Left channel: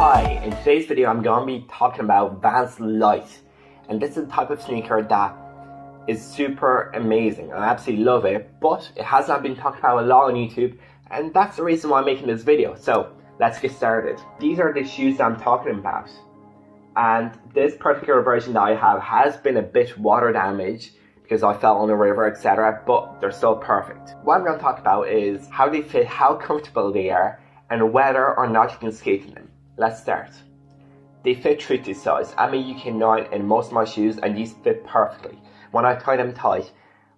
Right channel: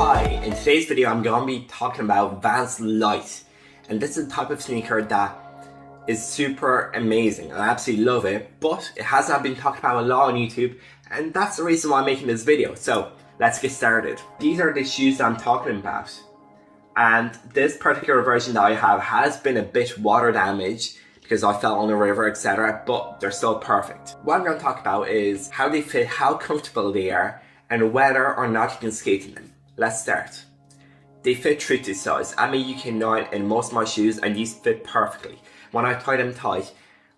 Hi, in today's video I'm going to be talking about Vans Lite, and this is a type of sneaker that is super amazing. I absolutely love it, but it has not been talked about a lot on YouTube, and that's the reason why I'm making this video. So let's get started. These are the shoes that I'm talking about, and this particular version that I have has been a bit water damaged because I fell on the river, etc., but they're still perfect. What I'm going to talk about is how they fit, how comfortable they are, and whether or not you can skate in them. Let's start. They fit true to size. I'm a UK9 in most of my shoes, and these fit perfectly. When I tie them tight,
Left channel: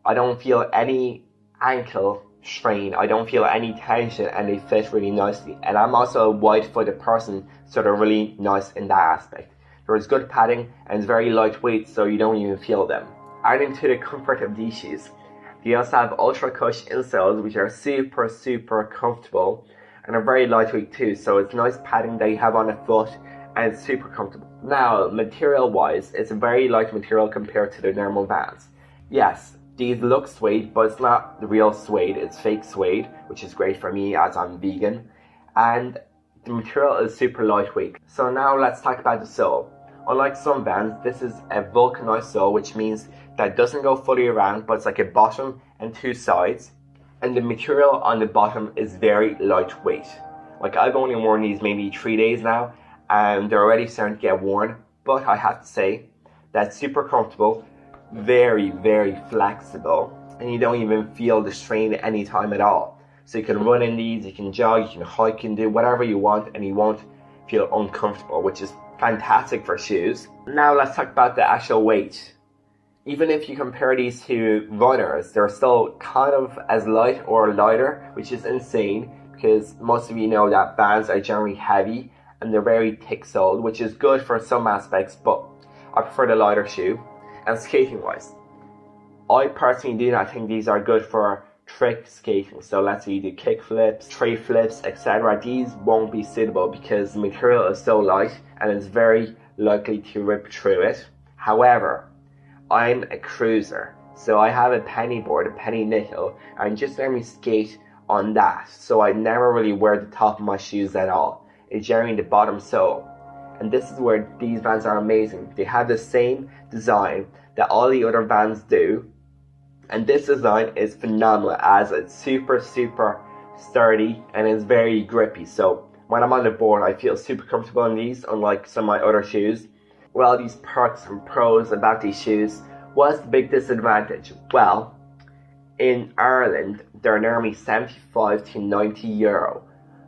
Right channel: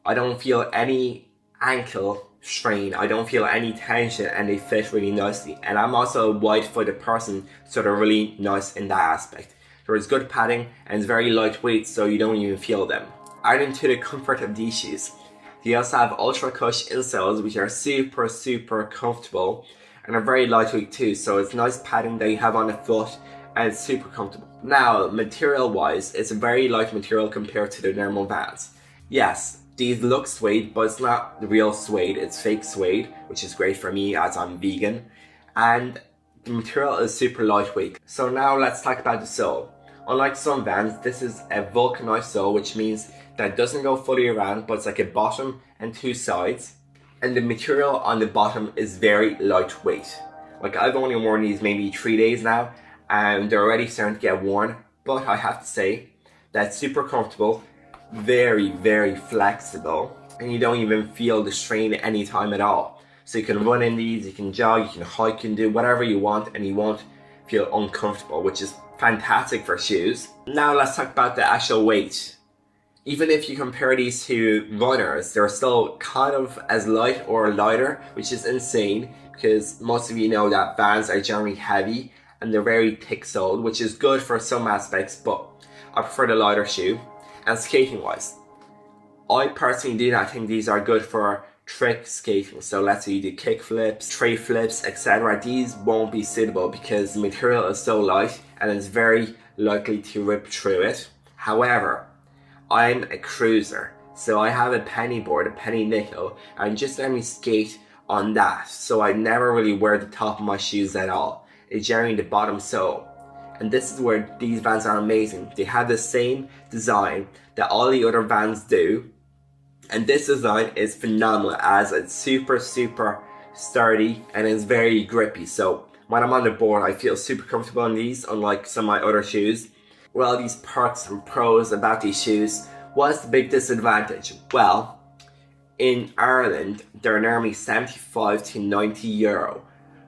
I don't feel any ankle strain, I don't feel any tension, and they fit really nicely. And I'm also a wide-footed person, so they're really nice in that aspect. There is good padding, and it's very lightweight, so you don't even feel them. Adding to the comfort of these shoes, they also have ultra cush insoles, which are super comfortable, and are very lightweight too, so it's nice padding that you have on the foot, and it's super comfortable. Now, material wise, it's a very light material compared to the normal Vans. Yes, these look suede, but it's not the real suede, it's fake suede, which is great for me as I'm vegan, and the material is super lightweight. So now let's talk about the sole. Unlike some Vans, this is a vulcanized sole, which means that it doesn't go fully around, but it's like a bottom and two sides. And the material on the bottom is very lightweight. Like, I've only worn these maybe 3 days now, and they're already starting to get worn. But I have to say, that's super comfortable, very flexible, and you don't even feel the strain anytime at all. So you can run in these, you can jog, you can hike, you can do whatever you want, and you won't feel uncomfortable, which is fantastic for shoes. Now let's talk about the actual weight. Even if you compare these to runners, they're still kind of as light or lighter, which is insane because most of you know that Vans are generally heavy and they're very thick soled, which is good for some aspects, but I prefer the lighter shoe. And skating wise, I personally do not think these are good for trick skating. So let's say you do kick flips, tray flips, etc. These won't be suitable because the material is so light and it's very likely to rip through it. However, I'm a cruiser, so I have a penny board, a penny nickel, and just let me skate on that. So I never really wear the top of my shoes at all. It's generally the bottom sole. And this is where these Vans are amazing. They have the same design that all the other Vans do. And this design is phenomenal as it's super sturdy and it's very grippy. So when I'm on the board, I feel super comfortable in these, unlike some of my other shoes. Well, these perks and pros about these shoes, what's the big disadvantage? Well, in Ireland, they're normally 75 to 90 euro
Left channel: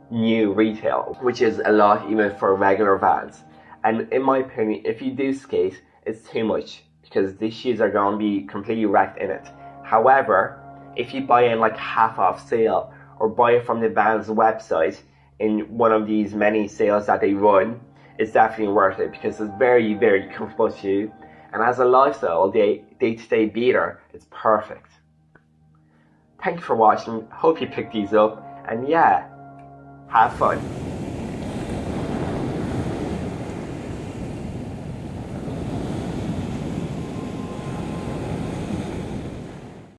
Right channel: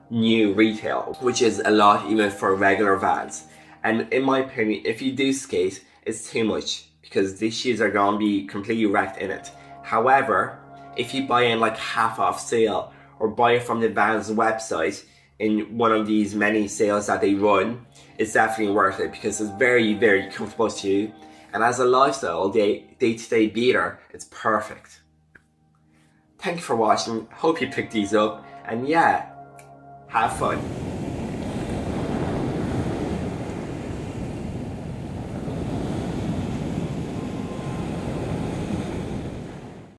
new retail, which is a lot even for regular Vans. And in my opinion, if you do skate, it's too much because these shoes are going to be completely wrecked in it. However, if you buy in like half off sale or buy it from the Vans website in one of these many sales that they run, it's definitely worth it because it's very comfortable shoe, and as a lifestyle day-to-day beater, it's perfect. Thank you for watching, hope you picked these up, and yeah, have fun.